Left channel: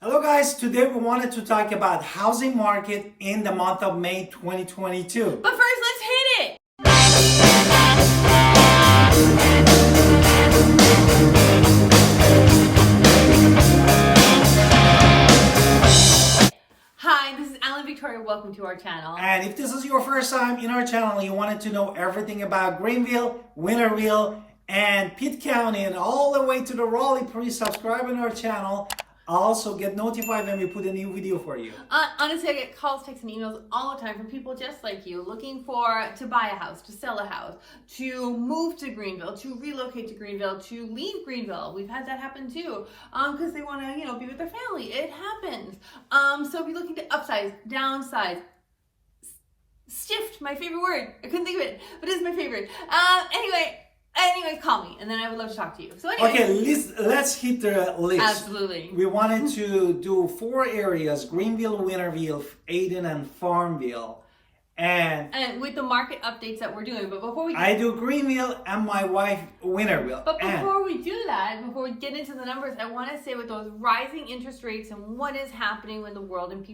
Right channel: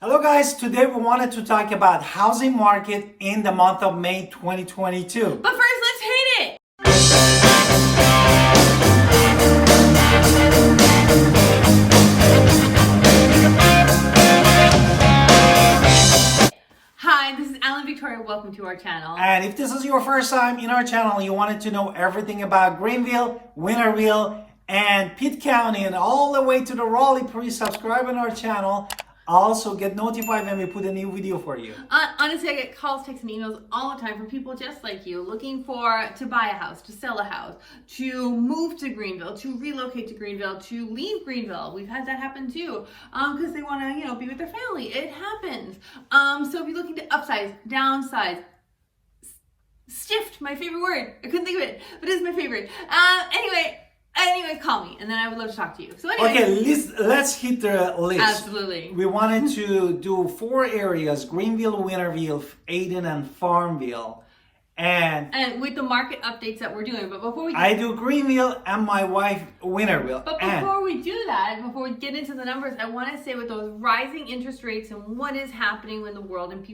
Hello guys, today we wanted to talk about housing market in the month of May 2022. But first, let's hit it! Hi, this is Alan Victoria. Welcome to our channel. And if this is your first time in our channel, you wanted to know everything about Greenville, Winterville, and Pitt County, and all the way to the Raleigh, please subscribe on our channel. Also get notified when we put a new video for you. Honestly, I get calls, texts, and emails all the time from people just like you looking to buy a house, to sell a house, to move to Greenville, to relocate to Greenville, to leave Greenville. We've had that happen too, because they want to, be with their family. It happens. So if you're looking to upsize, downsize, shift, my favorite word. I couldn't think of it, but it's my favorite. Anyway, call me, and then I would love to talk to you. So anyway. Okay, let's hit the list. Absolutely. We wanted to do 4 areas: Greenville, Winterville, Ayden, and Farmville. And with the market updates that we're doing. But before we I do Greenville and my wife Winterville. But before we do that, before we get into the numbers, I want to say with those rising interest rates and what is happening in the world, and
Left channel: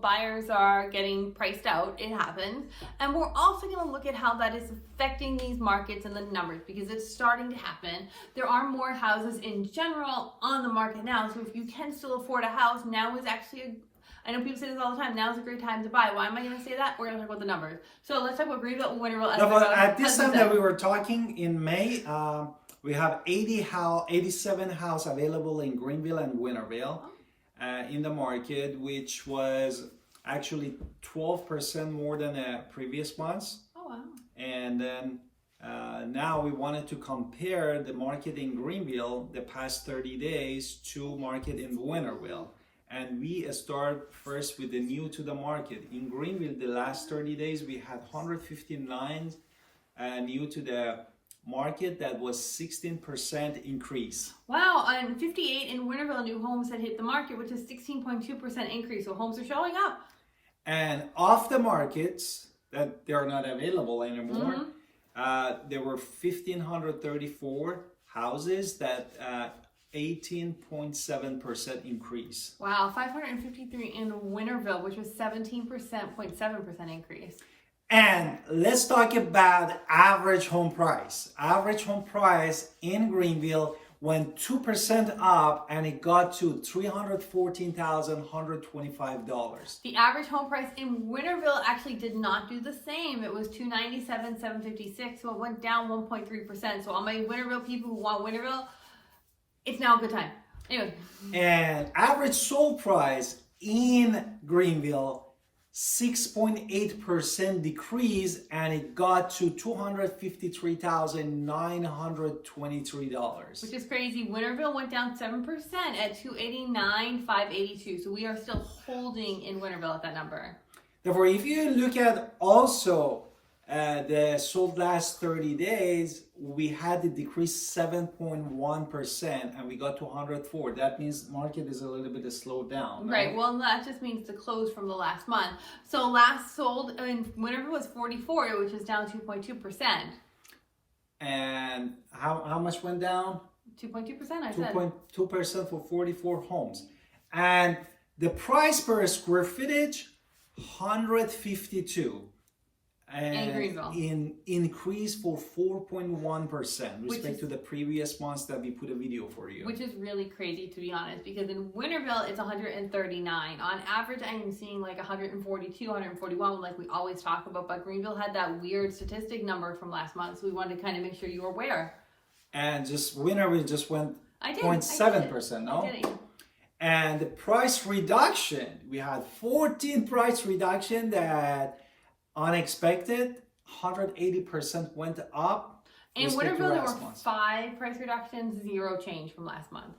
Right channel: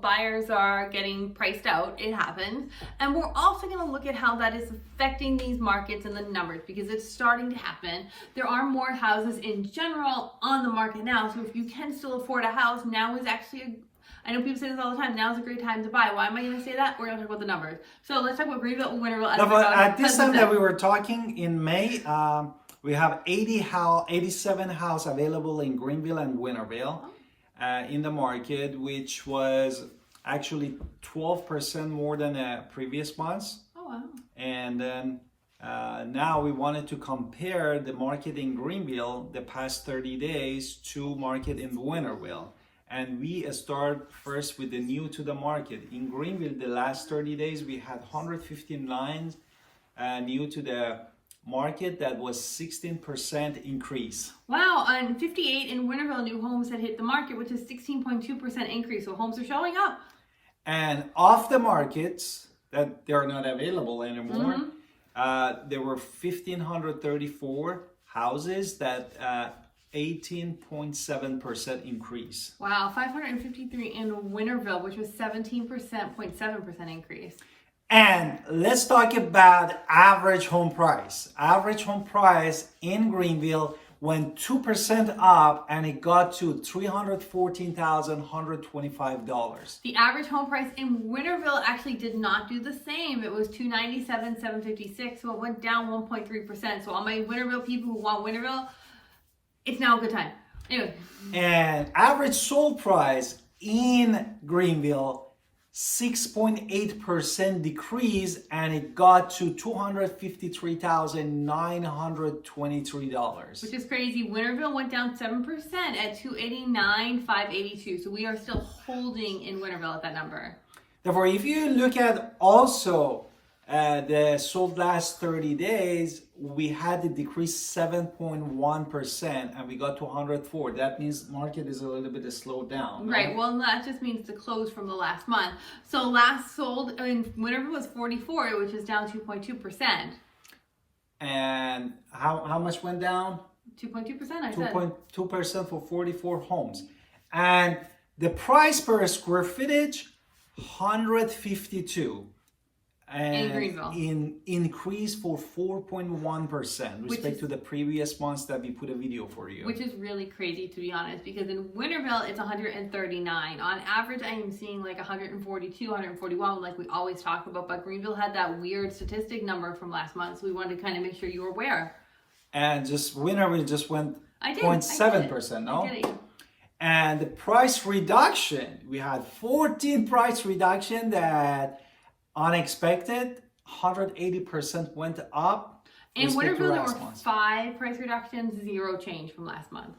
buyers are getting priced out, it happens. And we're also going to look at how that is affecting these markets and the numbers, because it's starting to happen. There are more houses in general on the market now. So if you can still afford a house, now is actually I know people say this all the time. Now's a great time to buy. Why am I going to say that? We're going to talk about the numbers. So let's talk about Greenville and Winterville. At this time that we were talking in May, we have 87 houses available in Greenville and Winterville in the market, which was actually 12% more than the previous months. Oh, wow. And then now we wanted to compare the market in Greenville the past 30 days to market in Winterville. And we start first with the new to the market. In Greenville, the last 30 days, we had 159 new to the market. That was 16% increase. Wow, and 58 in Winterville new homes had hit the market, which is 16.2% increase. So homes are showing up. And off the markets that they're not available anymore, there were 1,534 houses that 18.7% increase. Wow, 553 in Winterville, which was 17.7% increase. And let's talk about average home price. Average home price in Greenville went 2% up, and it got to $314,125. The average home price in Winterville actually did not do the same. It was $297,756, so it went down 1.3%. So all my Winterville people who want Winterville, it's now a good time. Anyway. And average sold price in Greenville, 6.8% decrease, and it got to $253,923. Which is crazy. Winterville went down 7% at $289,582. So we are still holding in Winterville at that number. Therefore, if you look at also the sold last 30 days, we had to decrease 7.1%, and we got to 104. That means market is a little bit slowed down. Right. No? Well, that just means the close from the last month. So last sold in Winterville was 44, which is down 2.2%. And how much went down? 2.2%. I said 2.2% for 44 homes. And the price per square footage, 152. And in Greenville. Increase for 4.1% respect to the previous months that we put a video for you. Which is really crazy, to be honest, because in Winterville it's 139. On average, I am seeing like 142, 141, like we always talk about. But Greenville had that weird statistic number from last month, so we wanted to kind of make sure you were aware. And Winterville just went 0.7%, no? I did it, yeah. And the price reduction, we had 14 price reduction that unexpected, 180% went up. In Winterville, there were 5 price reductions, 0 change from last month.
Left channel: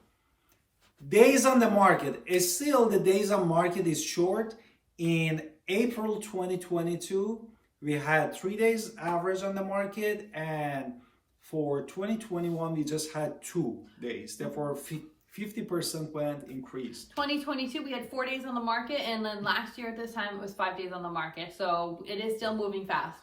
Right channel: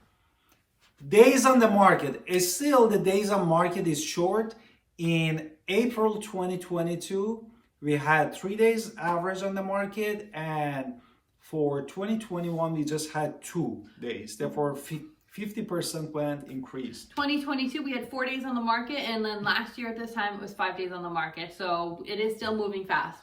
Days on the market. Still, the days on market is short. In April 2022, we had 3 days average on the market, and for 2021, we just had 2 days. Therefore, 50% went increase. 2022, we had 4 days on the market, and then last year at this time, it was 5 days on the market. So it is still moving fast.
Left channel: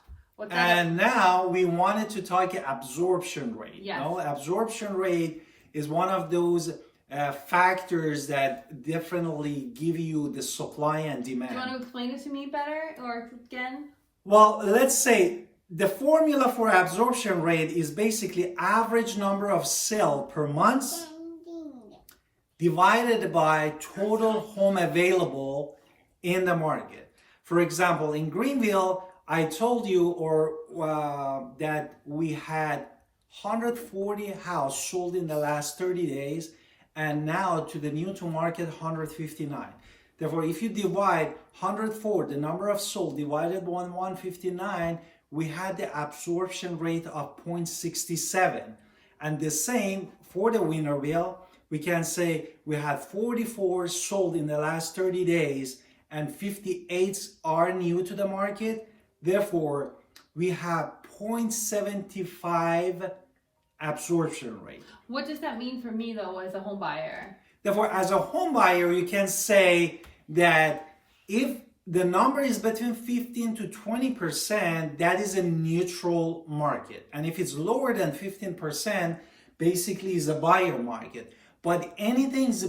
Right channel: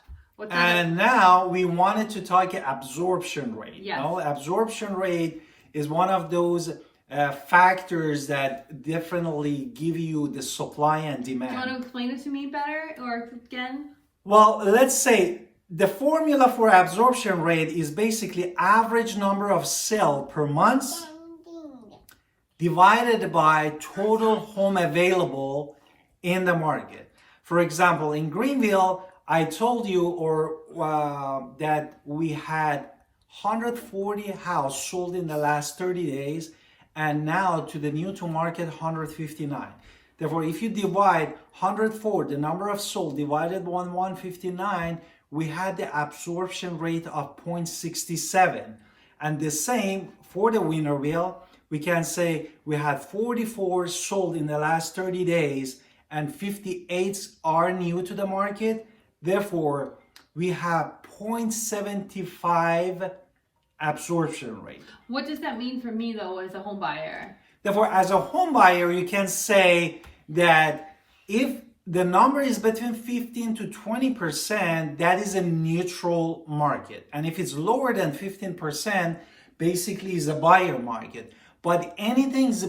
And now we wanted to talk absorption rate. Yes. You know, absorption rate is one of those factors that definitely give you the supply and demand. Do you want to explain it to me better or again? Well, let's say the formula for absorption rate is basically average number of sales per month divided by total home available in the market. For example, in Greenville, I told you that we had 140 houses sold in the last 30 days, and now to the new to market 159. Therefore, if you divide 104, the number of sold divided by 159, we had the absorption rate of 0.67. And the same for the Winterville, we can say we had 44 sold in the last 30 days and 58 are new to the market. Therefore, we have 0.75 absorption rate. What does that mean for me though as a home buyer? Therefore, as a home buyer, you can say that if the number is between 15 to 20%, that is a neutral market. And if it's lower than 15%, basically is a buyer market. But anything's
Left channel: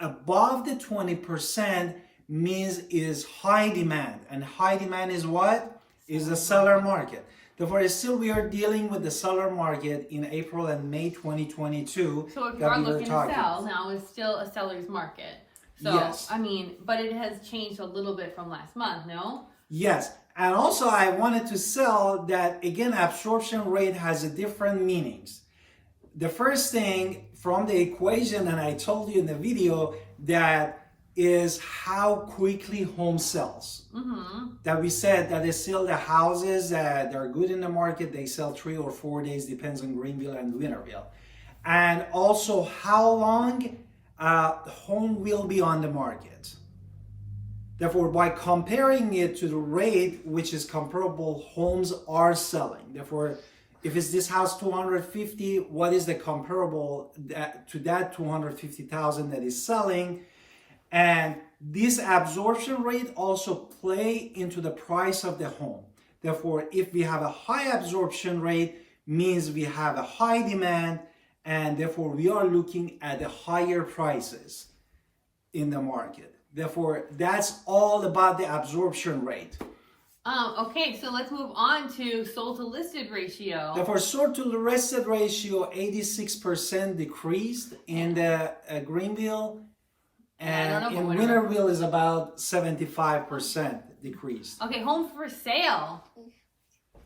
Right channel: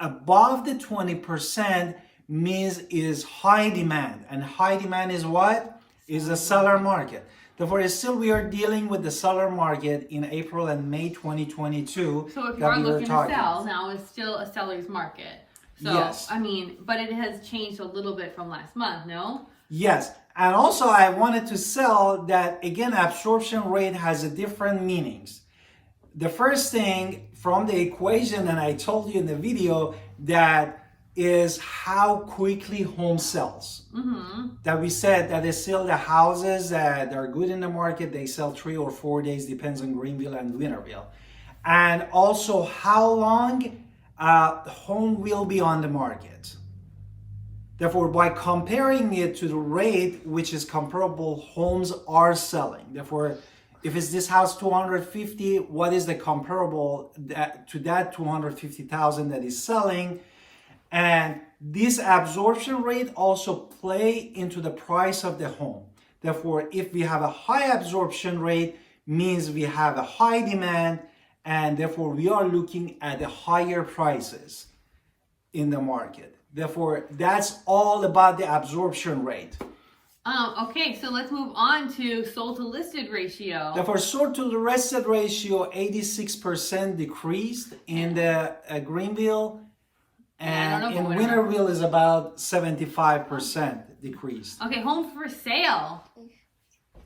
above the 20% means is high demand. And high demand is what? Is a seller market. Therefore, still we are dealing with the seller market in April and May 2022. So if you are looking to sell, now is still a seller's market. So, yes. I mean, but it has changed a little bit from last month, no? Yes. And also I wanted to sell that, again, absorption rate has a different meanings. The first thing from the equation, and I told you in the video, that is how quickly home sells. That we said that is still the houses that are good in the market, they sell 3 or 4 days, depends on Greenville and Winterville. And also how long home will be on the market. Therefore, by comparing it to the rate which is comparable homes are selling. Therefore, if it's this house 250, what is the comparable to that 250,000 that is selling? And this absorption rate also play into the price of the home. Therefore, if we have a high absorption rate, means we have a high demand, and therefore we are looking at the higher prices in the market. Therefore, that's all about the absorption rate. Okay, so let's move on to sold to listed ratio. Therefore, sold to listed ratio 86% decreased in the Greenville. And in Winterville is about 75% decrease. Okay, homes for sale.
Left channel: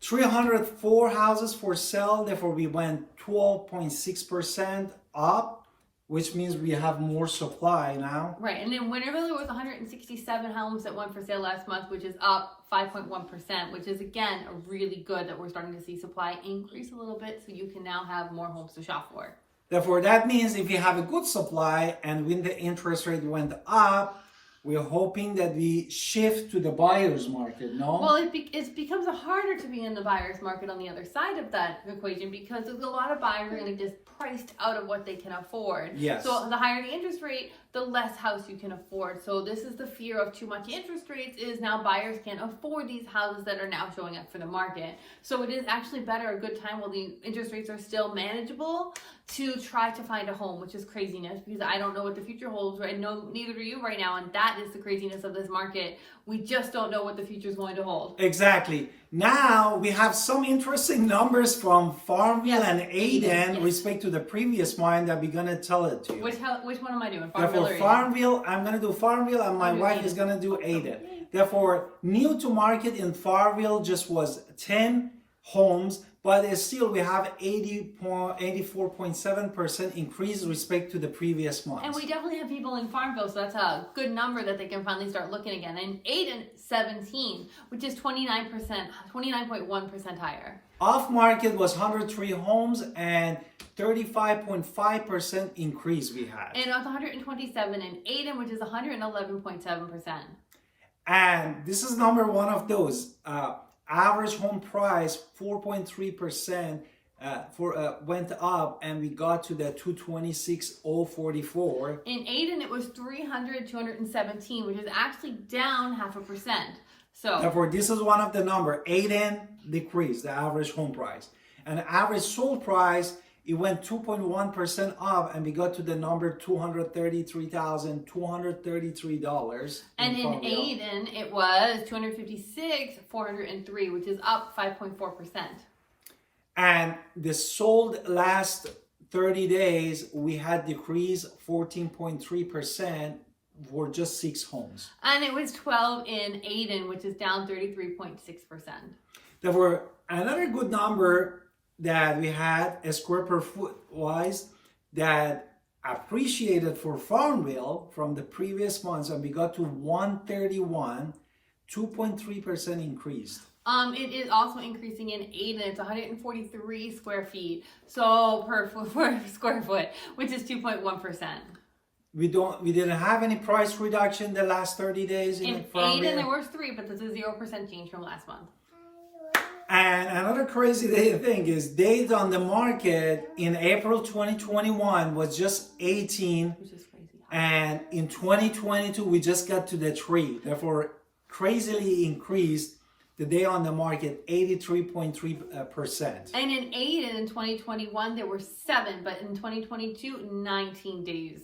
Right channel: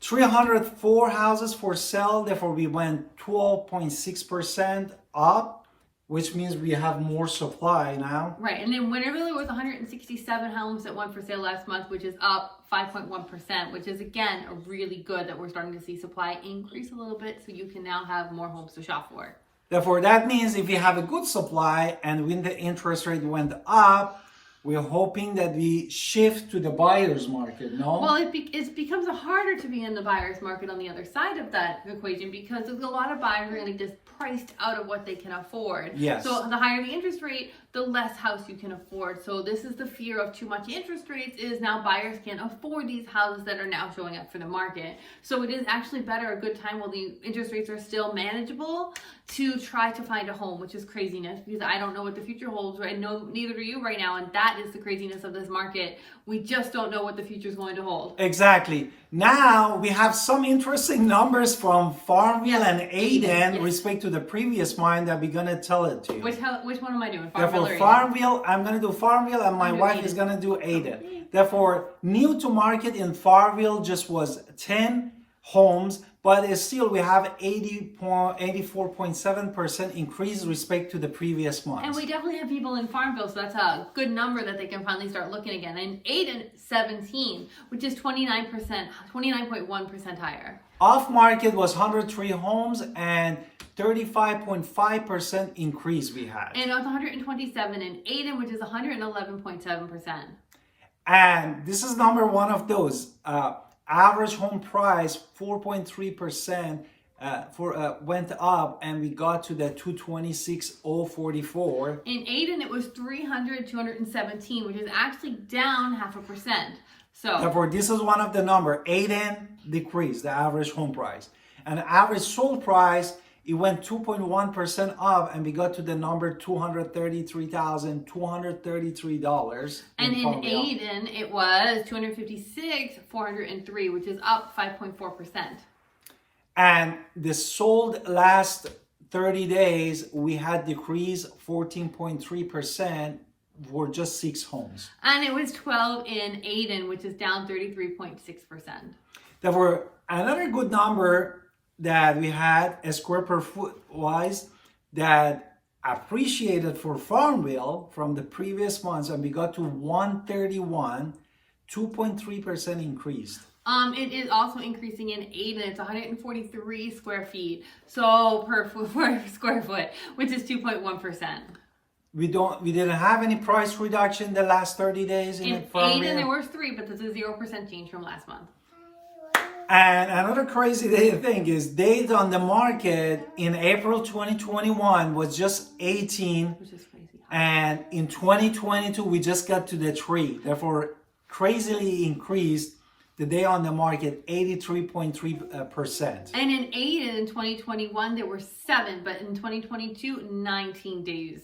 304 houses for sale. Therefore, we went 12.6% up, which means we have more supply now. Right, and then Winterville, there was 167 homes that went for sale last month, which is up 5.1%, which is again really good that we're starting to see supply increase a little bit, so you can now have more homes to shop for. Therefore, that means if you have a good supply and when the interest rate went up, we're hoping that we shift to the buyer's market, no? Well, it becomes harder to be in the buyer's market on the other side of that equation because there's a lot of buyers who are going to get priced out of what they can afford. Yes. So the higher the interest rate, the less house you can afford. So this is the fear of too much interest rates is now buyers can't afford these houses that are now showing up for the market. So it is actually better, a good time while the interest rates are still manageable to try to find a home, which is craziness because I don't know what the future holds, right? No, neither do you right now. And that is the craziness of this market. We just don't know what the future is going to hold. Exactly. Now we have some interesting numbers from Farmville and Ayden respect to the previous one that we're going to tell it to you. Which one am I doing? Farmville or Ayden? Farmville, I'm going to do Farmville and my wife is going to do Ayden. Okay. Therefore, new to market in Farmville just was 10 homes, but still we have 84.7% increase respect to the previous month. And we definitely have people in Farmville, so that's a good number that they can finally start looking again. And Ayden, 17, which is 29.1% higher. Off market was 103 homes and 35.5% increase we had. And it was 127 in Ayden, which is 111.7%. And this is number one of those. Average home price 4.3% went up, and we got to the 226,044. In Ayden, it was 217, which is actually down 0.5%. So therefore, this is one of the number. Ayden decreased the average home price, and average sold price it went 2.1% up, and we got to the number $233,233. And in Ayden, it was $256,403, which is up 5.4%. And the sold last 30 days, we had decreased 14.3% for just 6 homes. And it was 12 in Ayden, which is down 33.6%. Therefore, another good number that we had, a square per foot wise, that appreciated for Farmville from the previous months, and we got to 131, 2.3% increase. It is also increasing in Ayden. It's 143 square feet, so per square foot, which is 2.1%. We didn't have any price reduction the last 30 days in Ayden. There was 3, but this is 0% change from last month. And another crazy thing is days on the market in April 2021 was just 18, which is crazy. And in 2022 we just got to the 3. Therefore, crazily increased the day on the market 83.3%. And in Ayden in 2021 there were 7, but in 2022 19 days.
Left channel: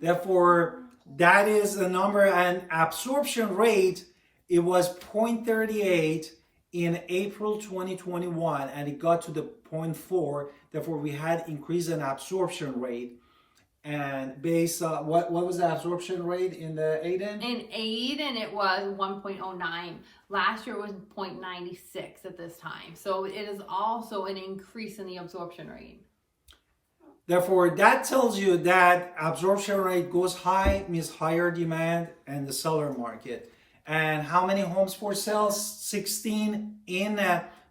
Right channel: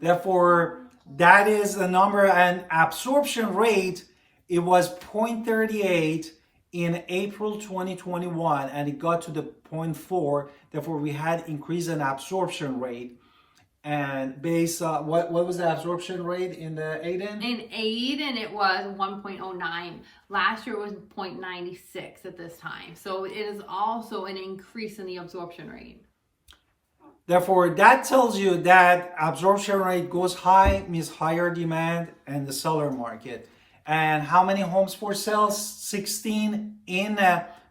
Therefore, that is the number. And absorption rate, it was 0.38 in April 2021, and it got to the 0.4. Therefore, we had increase in absorption rate. And based on what was the absorption rate in the Ayden? In Ayden, it was 1.09. Last year it was 0.96 at this time. So it is also an increase in the absorption rate. Therefore, that tells you that absorption rate goes high, means higher demand in the seller market. And how many homes for sale? 16 in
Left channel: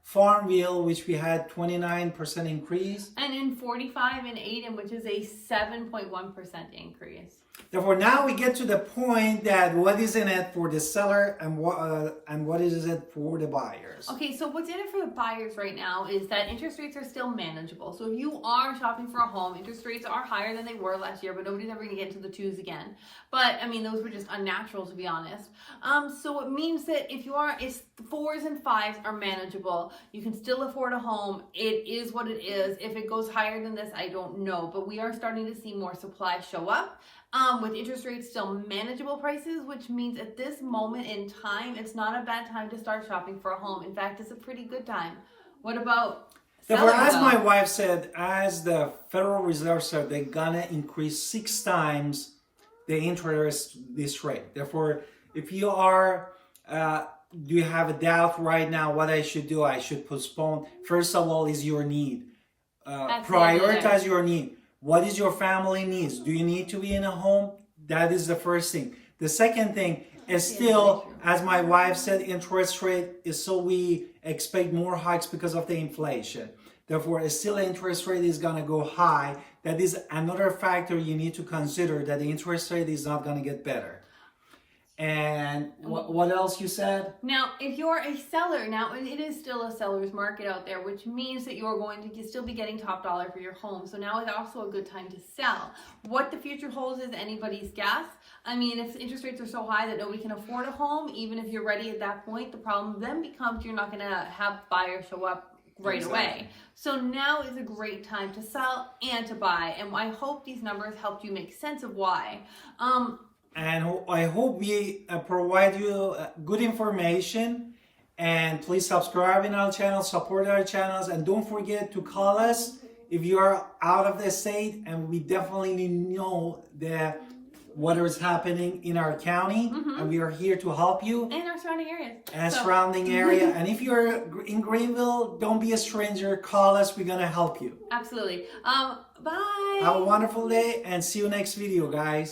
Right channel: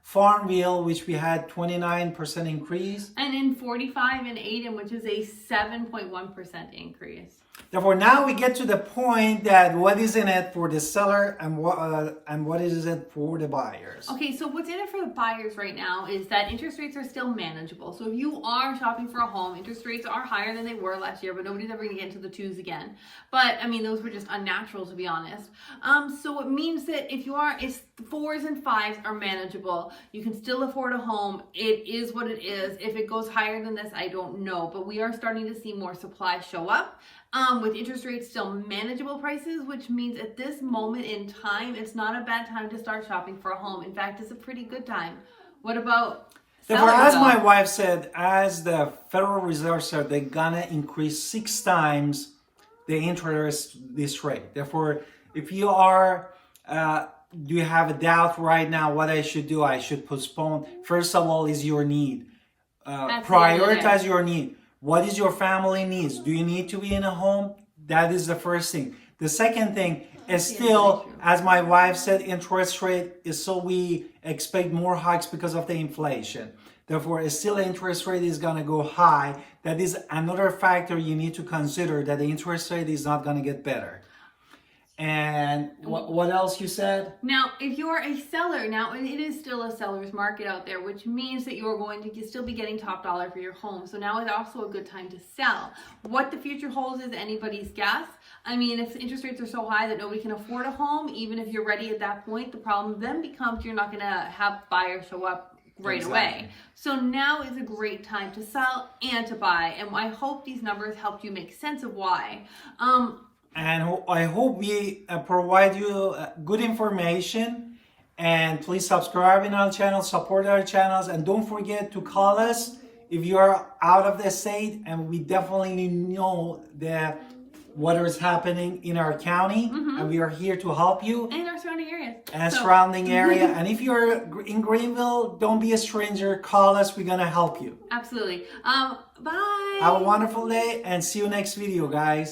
Farmville, which we had 29% increase. And in 45 in Ayden, which is a 7.1% increase. Therefore, now we get to the point that what is in it for the seller and what is it for the buyers. Okay, so what's in it for the buyers right now is that interest rates are still manageable. So if you are shopping for a home, interest rates are higher than they were last year, but nobody's ever going to get into the 2s again. But I mean, those were just unnatural, to be honest. So it means that if you are, it's 4s and 5s are manageable. You can still afford a home. It is what it is. If it goes higher than this, I don't know. But we are starting to see more supply show up. With interest rates still manageable prices, which means at this moment in time, it's not a bad time to start shopping for a home. In fact, it's a pretty good time. What about sellers, as though? my wife said, as the Federal Reserve said, they're gonna increase 6 times the interest this rate. Therefore, if you are, you have a doubt right now what I should do, I should postpone. First of all, is your need. Prioritize your need. What is your family needs? Do you need to be in a home? That is the first thing. The second thing is still, as my wife said, interest rate is so we expect more hikes because of the inflation. Therefore, still interest rate is going to go high. That is another factor you need to consider, that the interest rate is not going to get better. And what else you said? Now, if you're a seller, now it is still a seller's market out there, which means that you're going to still be getting top dollar for your home. So now is also a good time to sell. What the future holds is anybody's guess. I mean, if interest rates are so high that nobody can afford a home, even if you're ready at that point, the problem then becomes you're not going to have buyers show up right away. So now is a great time to sell and to buy. And I hope these numbers helped you make sense of why. And I hope we provide you good information. And please subscribe in our channel, support our channels, and don't forget to call us if you are out of the state. And we definitely know that what is happening in our county, and we are here to help you. And our surrounding areas. And surrounding area. And if you're in Greenville, don't be a stranger. Call us. We're going to help you. Absolutely. Bye. Have a wonderful day and see you next video, guys.